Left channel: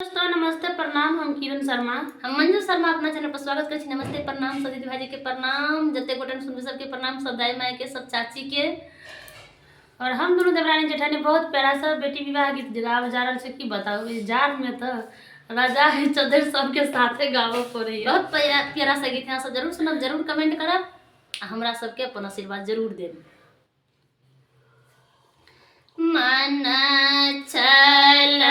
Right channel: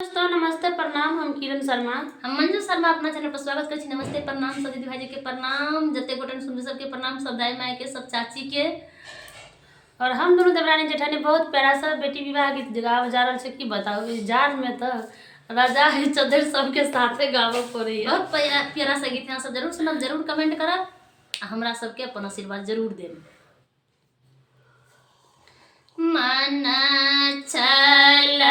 दोस्तों नमस्ते प्रणाम, हम किरण शर्मा। हम मंजू शर्मा अपना चैनल पर स्वागत कर छी। नमस्ते प्रणाम सब दीदी भाई के प्रणाम, जते गोटन सुन सबके प्रणाम, सब दाई माई के, सब चाची के। और हम दोनों देवरानी जेठानी बहुत प्यारा सा बेटी विवाह गीत गावे जा रहल छै। की बताओ इस जार में तो राजा है चौधरी सबके साथे गावे पड़े। बहुत प्यारा सा गीत है, सब जरूर सुनब, जरूर कमेंट करब आ हमरा सबके अपन आशीर्वाद जरूर देब। मन चल